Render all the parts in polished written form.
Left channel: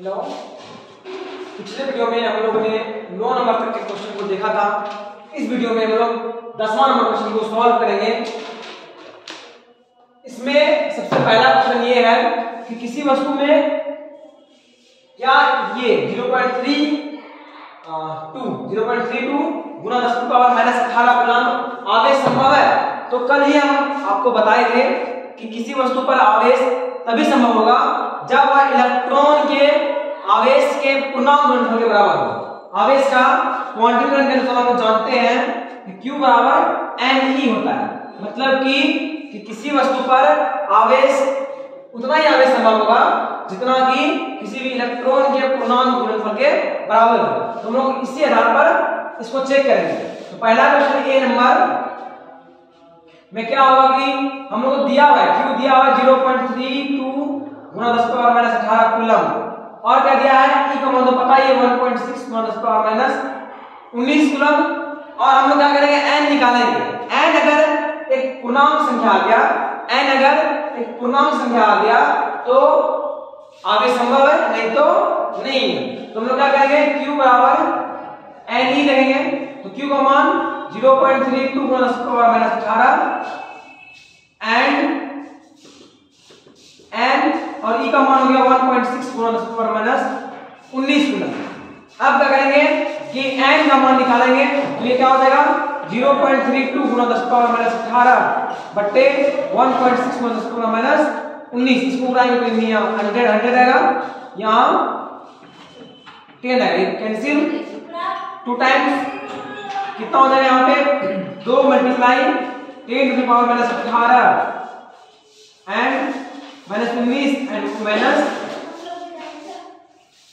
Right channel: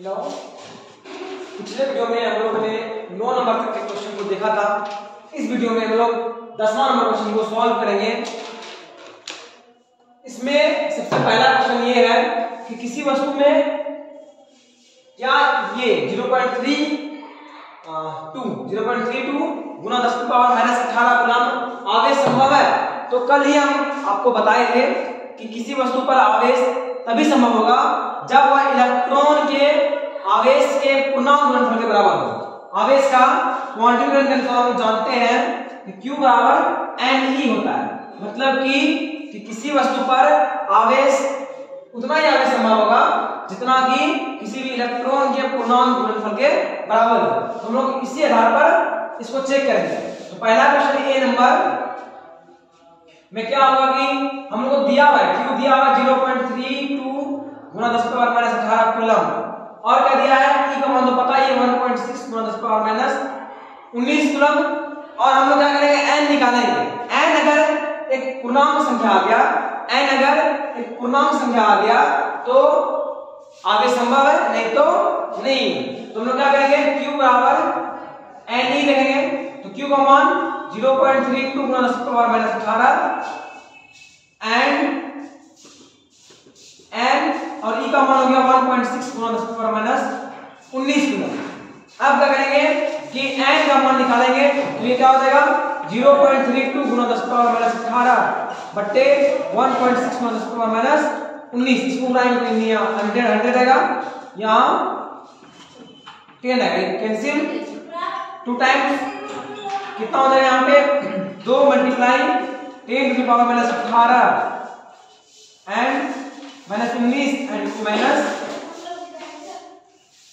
Hello, पिछले video में हम लोगों ने 9 नंबर तक के क्वेश्चन को देखा था। इस वीडियो में हम लोग 10वां नंबर क्वेश्चन को सॉल्व करेंगे। इसमें सबसे पहला क्वेश्चन ये है कि किसी वस्तु में क्या ये 0.32 गुना 10⁻⁻18 कूलम आवेश संभव है। तो कल ही हम आपको बताए थे कि किसी वस्तु पर आवेश तभी संभव होगा जब वह इलेक्ट्रॉन के आवेश के पूर्णांक गुणनफल के बराबर हो। आवेश का क्वांटीकरण के अनुसार हम जानते हैं कि Q बराबर NE होता है। मतलब कि किसी वस्तु पर आवेश उतना ही आवेश संभव होगा जितना कि किसी भी इलेक्ट्रॉन के पूर्णांक गुणनफल के बराबर हो। तो हम लोग इसी आधार पर इसको चेक करेंगे। तो पहला क्वेश्चन ए नंबर में क्या होगा कि हम लोग को दिया हुआ है Q दिया हुआ है 0.32 गुना 10⁻⁻18 कूलम, और क्या दिया है E का मान तो पता ही है 1.6 गुना 10⁻⁻19 कूलम। और हम लोग क्या करेंगे n निकालेंगे। n अगर एक पूर्णांक संख्या आ गया तो आगे संभव है, नहीं तो नहीं। तो हम लोग क्या करेंगे Q बराबर NE करेंगे। तो Q का मान 0.32 गुना 10⁻⁻18 n और E का मान हो गया 1.6 गुना 10⁻⁻19 कूलम। अब क्या करेंगे कि n का मान निकालेंगे। तो ये क्या हो जाएगा 0.32 गुना 10⁻⁻18 बट्टे 1.6 गुना 10⁻⁻19। इसको उड़ाएंगे तो ये 100 आएगा, यहाँ 10 आएगा, कैंसिल 2 टाइम्स कितना हो जाएगा यहाँ पे 2 multiply 10 to the power -18 and -19 and minus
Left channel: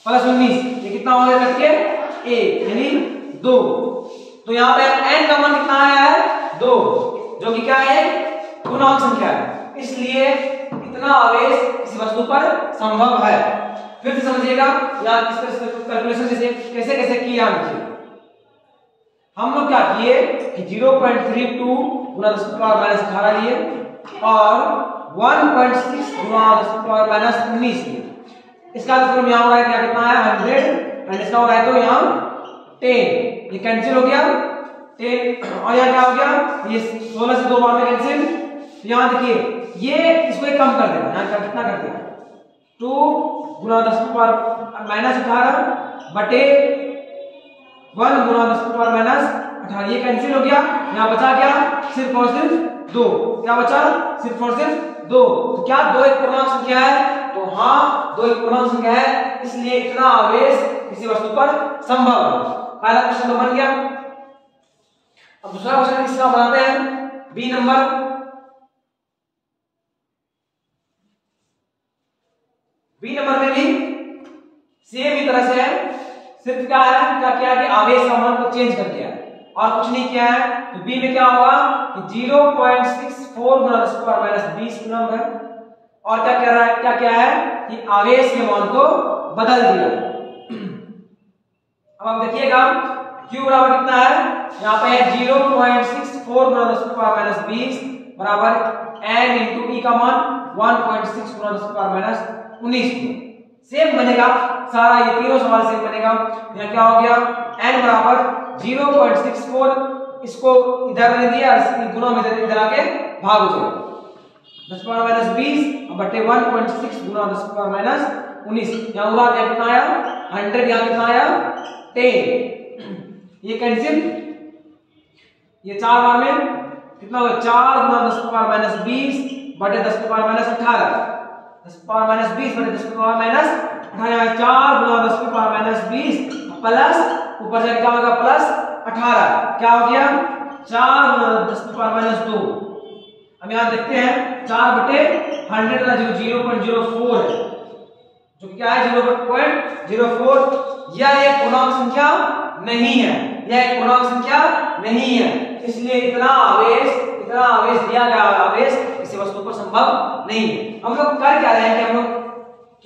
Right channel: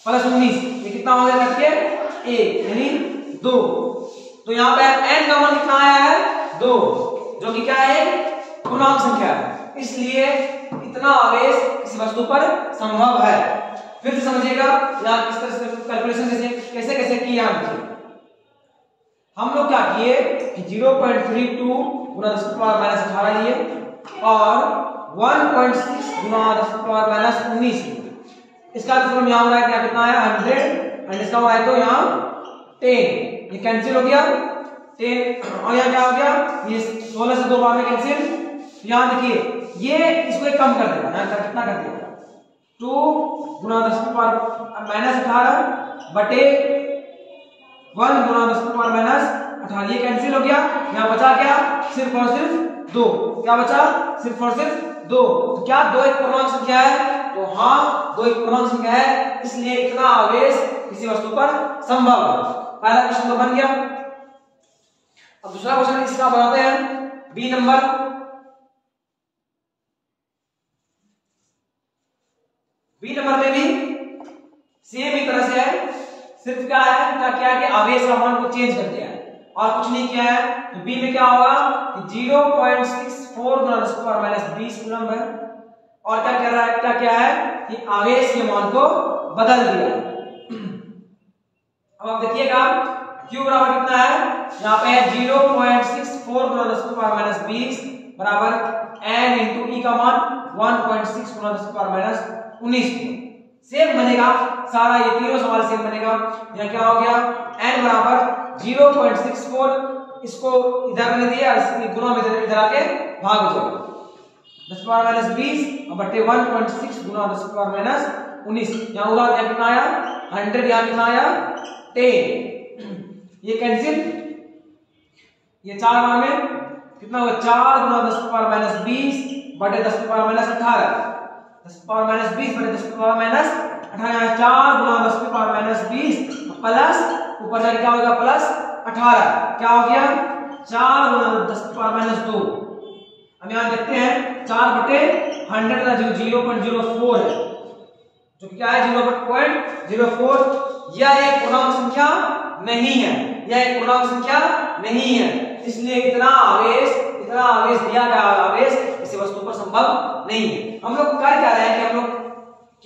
+19। ये कितना हो गया करके 1 यानी 2। तो यहाँ पे n का मान कितना आया है 2, जो कि क्या है पूर्णांक संख्या है, इसलिए इतना आवेश किसी वस्तु पर संभव है। फिर से समझिएगा या किस तरह से कैलकुलेशन कैसे कैसे की जानी चाहिए। हम लोग क्या किए कि 0.32 गुना 10⁻⁻18 लिए और 1.6 गुना 10⁻⁻19 लिए। इसका मतलब यहाँ हो रहा है क्या, कितना आया 100 एंड इसका हो रहा है तो यहाँ 10, ये कैंसिल हो गया 10 और यहाँ क्या हो गया ये 16 से 2 बार में कैंसिल। यहाँ देखिए ये इसको एक कम कर देगा, यहाँ कितना कर दिया 2 गुना 10⁻⁻18 बटे 1 गुना 10⁻⁻18, ये कैंसिल हो गया। यहाँ बचा क्या सिर्फ और सिर्फ 2, क्या बचा सिर्फ और सिर्फ 2। तो क्या 2 एक पूर्णांक संख्या है? तो हाँ 2 एक पूर्णांक संख्या है, इसलिए इतना आवेश किसी वस्तु पर संभव है। पहला क्वेश्चन तो बन गया। अब दूसरा क्वेश्चन इसका बनाते हैं बी नंबर। बी नंबर में भी सेम ही तरह से है, सिर्फ क्या है क्या किया कि आवेश का मान को चेंज कर दिया है और कुछ नहीं किया है। तो बी में क्या होगा कि 0.64 गुना 10⁻⁻20 कूलम है, और क्या कर रहा है क्या क्या है कि आवेश के मान को बदल दिया। अब आप देखिएगा Q बराबर कितना है, यहाँ पे है 0.64 गुना 10⁻⁻20 बराबर n इंटू E का मान 1.6 गुना 10⁻⁻19। सेम बनेगा सारा, ये तीनों सवाल सेम बनेगा। यहाँ क्या हो गया n बराबर 0.64, इसको इधर ले दिया गुना में इधर आके भाग हो जाएगा 10⁻⁻20 बटे 1.6 गुना 10⁻⁻19। यहाँ उड़ा दिया कितना आया 100, यहाँ कितना आया 10, ये कैंसिल, ये 4 बार में कितना होगा 4 गुना 10⁻⁻20 बटे 10⁻⁻18 10⁻⁻20 बटे 10⁻⁻18, 4 गुना 10⁻⁻20 प्लस ऊपर से क्या होगा +18, क्या हो गया 4 गुना 10⁻⁻2। हम यहाँ देखते हैं 4 बटे 100 का 0.04 है, जो क्या है 0.04। यह एक पूर्णांक संख्या नहीं है, यह एक पूर्णांक संख्या नहीं है, इसलिए इतना आवेश दिया गया आवेश किसी वस्तु पर संभव नहीं है। हम लोग कर क्या रहे हैं कि हम लोग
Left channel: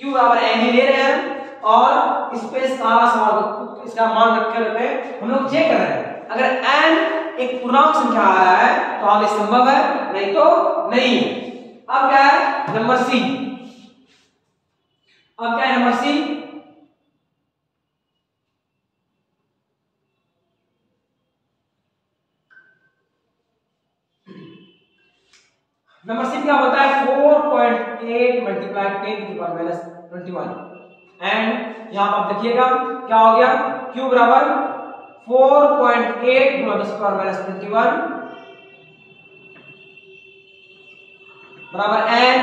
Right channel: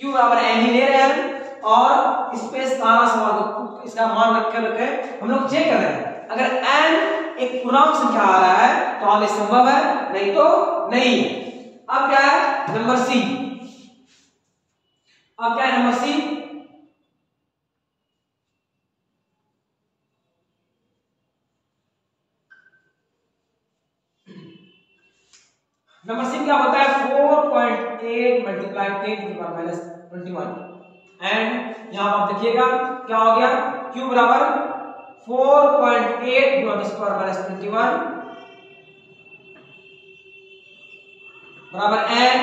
Q बराबर n ही ले रहे हैं और इस पे सारा सवाल इसका मान रख के हम लोग चेक कर रहे हैं। अगर n एक पूर्णांक संख्या आ रहा है तो आवेश संभव है, नहीं तो नहीं है। अब क्या है नंबर सी, अब क्या है नंबर सी नंबर सी क्या होता है 4.8 multiply 10 to the power minus 21 and यहां पर आप देखिएगा क्या हो गया q बराबर 4.8 गुना 10 टू द पावर माइनस 21 बराबर n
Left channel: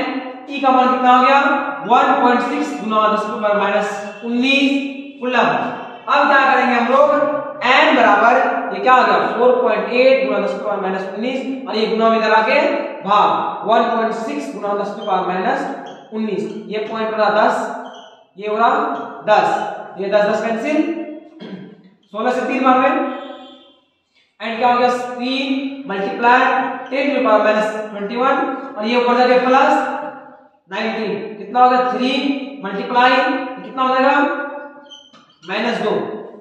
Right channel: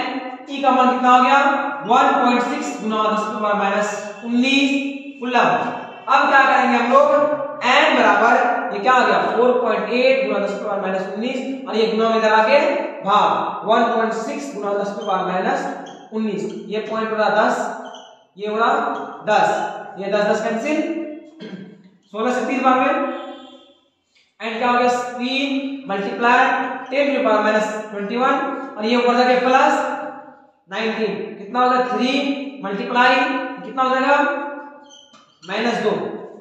e का मान कितना हो गया 1.6 गुना 10 to the power minus 19 coulomb. अब क्या करेंगे हम लोग n बराबर ये क्या हो गया 4.8 गुना 10 टू द पावर माइनस 19 और ये गुना में इधर आके भाग 1.6 गुना 10 टू द पावर माइनस 19 ये पॉइंट बड़ा 10 ये हो रहा 10 ये 10 10 कैंसिल 16 से 3 बार में एंड क्या हो गया 3 multiply 10 to the power minus 21 और ये ऊपर जाके प्लस 19 कितना हो गया 3 मल्टीप्लाई कितना हो जाएगा -2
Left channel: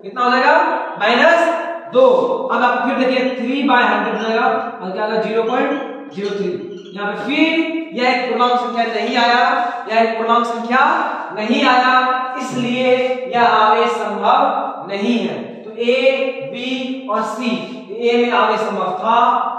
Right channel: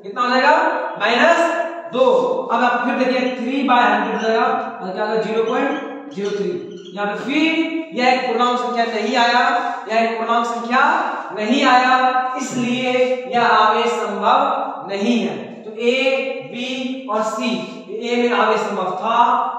कितना हो जाएगा -2। अब आप फिर देखिए 3/100 हो जाएगा और क्या होगा 0.03 यहाँ पे फिर यह एक पूर्णांक संख्या नहीं आया यह एक पूर्णांक संख्या नहीं आया इसलिए यह आवेश संभव नहीं है। तो ए बी और सी ए में आवेश संभव था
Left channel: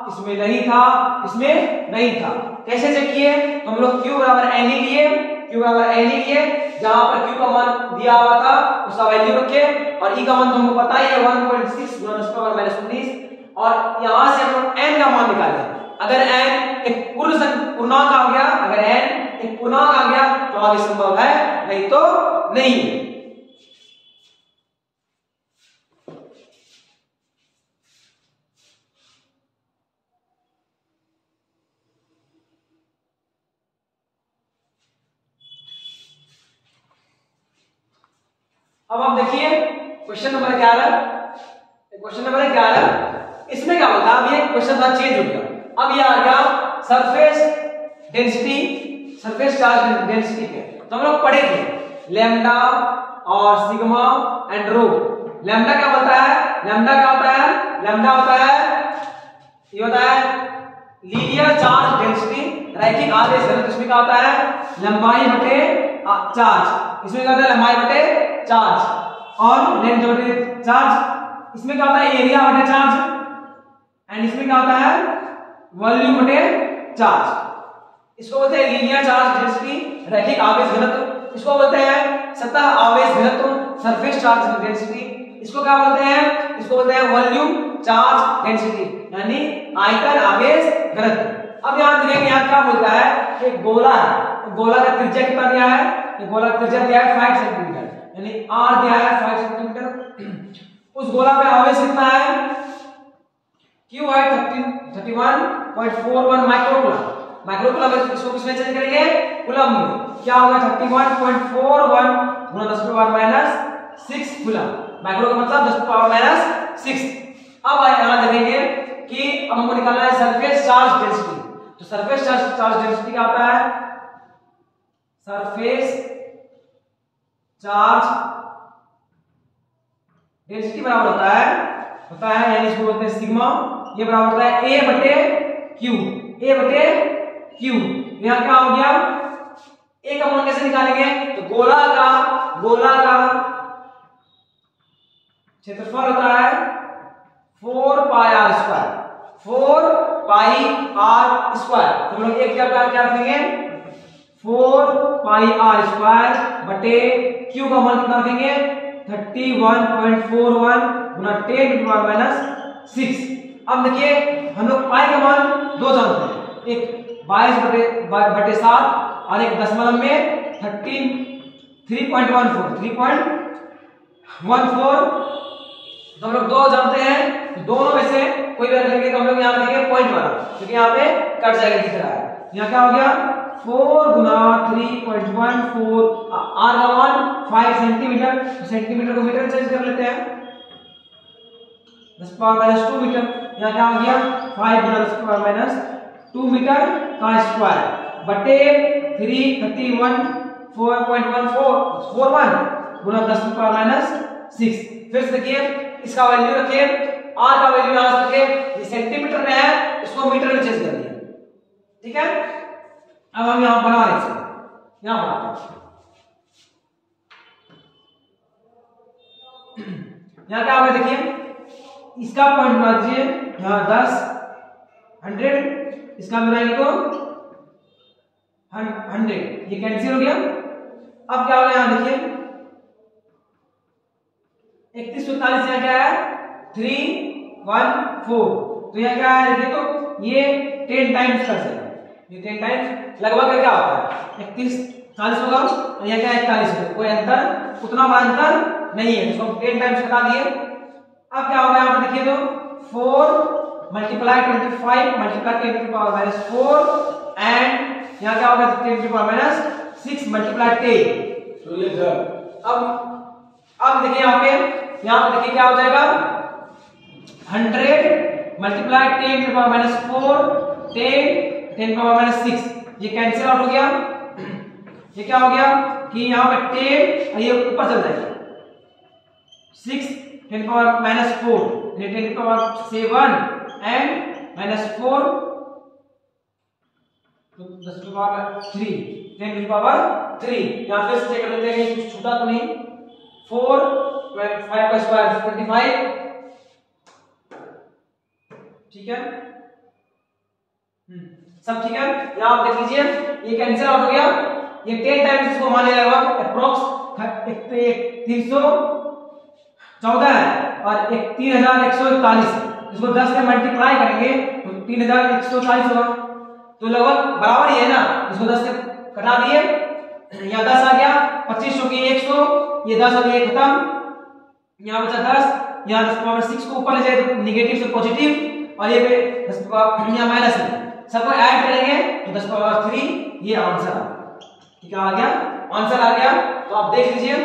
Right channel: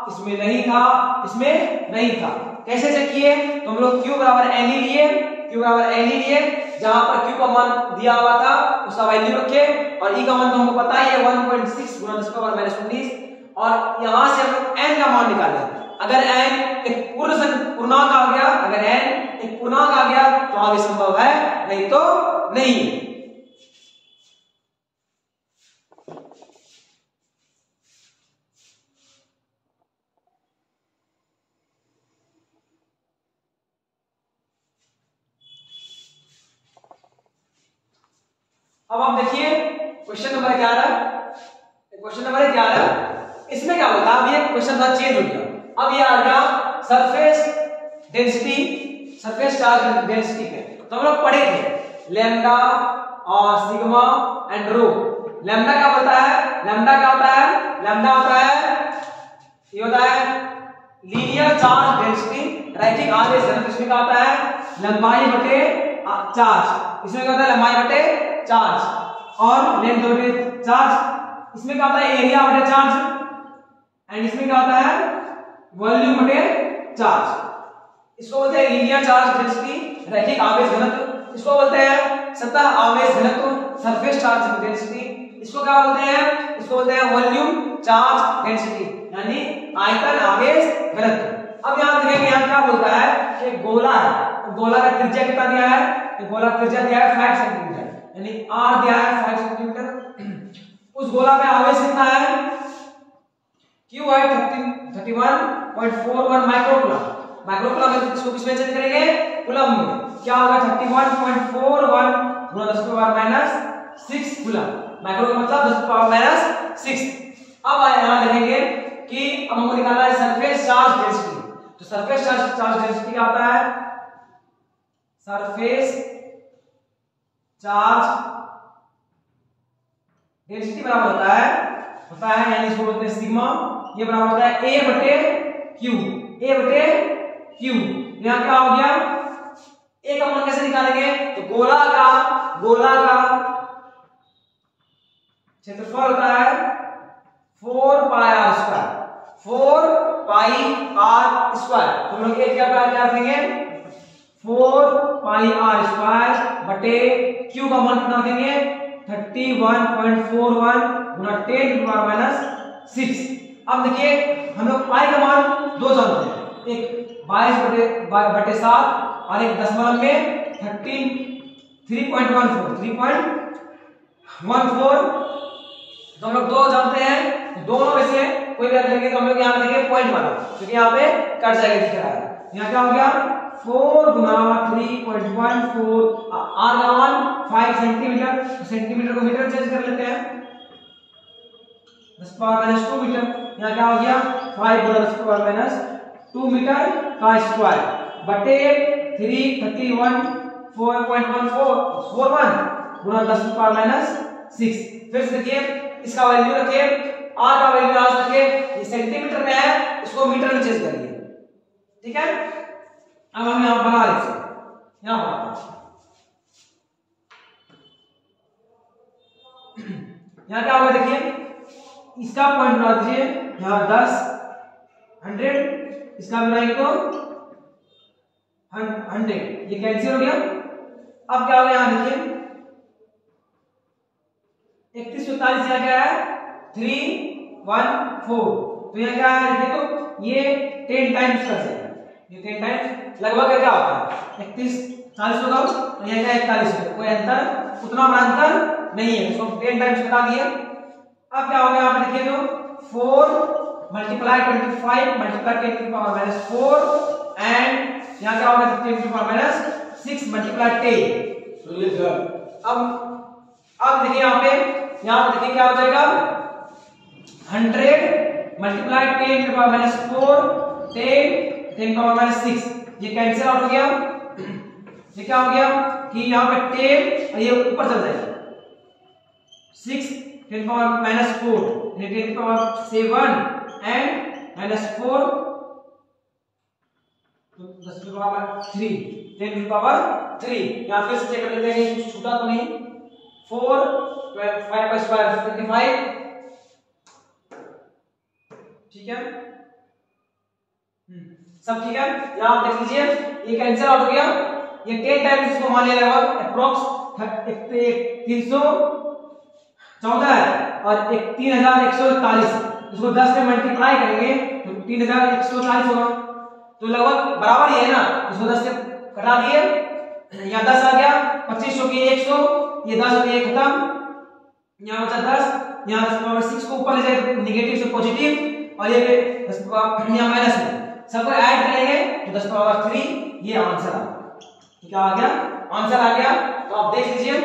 इसमें नहीं था इसमें नहीं था। कैसे चेक किए तो हम लोग q बराबर n ही लिए q बराबर n ही लिए जहां पर q का मान दिया हुआ था उसका वैल्यू रखे और e का मान तो हमको पता ही है 1.6 गुना 10 टू द पावर माइनस 19 और यहां से हम लोग n का मान निकाले। अगर n एक पूर्णांक आ गया अगर n एक पूर्णांक आ गया तो आगे संभव है नहीं तो नहीं है। अब आप देखिए क्वेश्चन नंबर 11 इसमें क्या होता है अब ये क्वेश्चन था चेंज हो गया अब ये आ गया surface density surface charge density पे तो हम लोग पढ़े थे लैम्डा और सिग्मा एंड रो। लैम्डा क्या बोलता है लैम्डा क्या होता है लैम्डा होता है ये होता है लीनियर चार्ज डेंसिटी रैखिक आवेश घनत्व। इसमें क्या होता है लंबाई बटे चार्ज इसमें क्या होता है लंबाई बटे चार्ज और लेंथ बटे चार्ज इसमें क्या होता है एरिया बटे चार्ज एंड इसमें क्या होता है वॉल्यूम बटे चार्ज। इसको बोलते हैं लीनियर चार्ज डेंसिटी रैखिक आवेश घनत्व। इसको बोलते हैं सतह आवेश घनत्व सरफेस चार्ज डेंसिटी। इसको क्या बोलते हैं इसको बोलते हैं वॉल्यूम चार्ज डेंसिटी यानी आयतन आवेश घनत्व। अब यहां देखिए यहां क्या बोलता है एक गोला है गोला का त्रिज्या कितना दिया है ये गोला का त्रिज्या दिया है 5 सेंटीमीटर यानी r दिया है 5 सेंटीमीटर। उस गोला में आवेश कितना है q है 31.41 माइक्रोकूलम। माइक्रोकूलम में इसको किसमें चेंज करेंगे कूलम में क्या होगा 31.41 गुना 10 to power minus 6 coulomb. Micro का मतलब 10 टू पावर माइनस 6। अब यहां देखेंगे कि अब हमको निकालना है सरफेस चार्ज डेंसिटी। तो सरफेस चार्ज डेंसिटी क्या होता है सरफेस चार्ज डेंसिटी बराबर होता है यानी इसको बोलते हैं सिग्मा ये बराबर होता है a बटे q यहां क्या हो गया a का मान कैसे निकालेंगे तो गोला का क्षेत्रफल होता है 4 पाई r स्क्वायर 4 पाई r स्क्वायर। तो हम लोग एक क्या रखेंगे 4 पाई r स्क्वायर बटे q का मान कितना रखेंगे 31.41 गुना 10 टू पावर माइनस 6। अब देखिए हम लोग पाई का मान दो जानते हैं एक 22 बटे 7 और एक दशमलव में 3.14 तो हम लोग दो जानते हैं तो दोनों में से कोई भी रखेंगे तो हम लोग यहाँ रखेंगे पॉइंट वाला क्योंकि यहाँ पे कट जाएगा दिख रहा है। यहाँ क्या हो गया 4 गुना 3.14 r का मान 5 सेंटीमीटर तो सेंटीमीटर को मीटर में चेंज कर लेते हैं 10 पावर माइनस 2 मीटर। यहाँ क्या हो गया 5 गुना 10 पावर माइनस 2 मीटर का स्क्वायर बटे 331.41 गुना 10 पावर माइनस 6। फिर से देखिए इसका वैल्यू रखिए r का वैल्यू यहां से रखिए ये सेंटीमीटर में है इसको मीटर में चेंज कर दिया ठीक है। अब हम यहां बना रहे हैं यहां बनाते हैं यहां क्या होगा देखिए इसका पॉइंट बना दीजिए यहां 10 100 इसका बनाएंगे तो 100, ये कैंसिल हो गया। अब क्या हो गया यहाँ देखिए 31 से 41 यहाँ क्या है 314, तो यहाँ क्या है देखिए तो ये 10 टाइम्स कर सकते हैं, ये 10 टाइम्स लगभग क्या होता है 31 40 होगा और यहाँ क्या 41 होगा, कोई अंतर उतना बड़ा अंतर नहीं है, इसको 10 टाइम्स घटा दिए। अब क्या होगा यहाँ पर देखिए तो 4 multiply 25 multiply 10 to power minus 4 and यहाँ क्या होगा 10 टू पावर माइनस 6 मल्टीप्लाई 10। सुनिए सर, अब देखिए यहाँ पे देखिए क्या हो जाएगा 100 multiply 10 to power minus 4 10 power minus 6, ये कैंसिल आउट हो गया। ये क्या हो गया कि यहाँ पे 10 और ये ऊपर चल जाएगा 6 10 power minus 4 10 power 7 and minus 4 तो 10 टू पावर 3 10 टू पावर 3। यहाँ फिर से चेक कर लेते हैं कुछ छूटा तो नहीं। 4 5 का स्क्वायर 25, ठीक है सब ठीक है। यहाँ आप देख लीजिए ये कैंसिल आउट हो गया, ये 10 टाइम्स इसको मान लिया लगभग अप्रोक्स 314 है और 3141, इसको 10 में मल्टीप्लाई करेंगे तो 3140 होगा, तो लगभग बराबर ही है ना, इसको 10 से कटा दिए, यहाँ 10 आ गया 25 हो गया 100, ये 10 हो गया खत्म, यहाँ बचा 10, यहाँ 10 पावर 6 को ऊपर ले जाए तो नेगेटिव से पॉजिटिव और ये 10 पावर यहाँ माइनस में सबको ऐड करेंगे तो 10 पावर 3, ये आंसर आ गया। ठीक है आ गया आंसर आ गया। तो आप देख लीजिए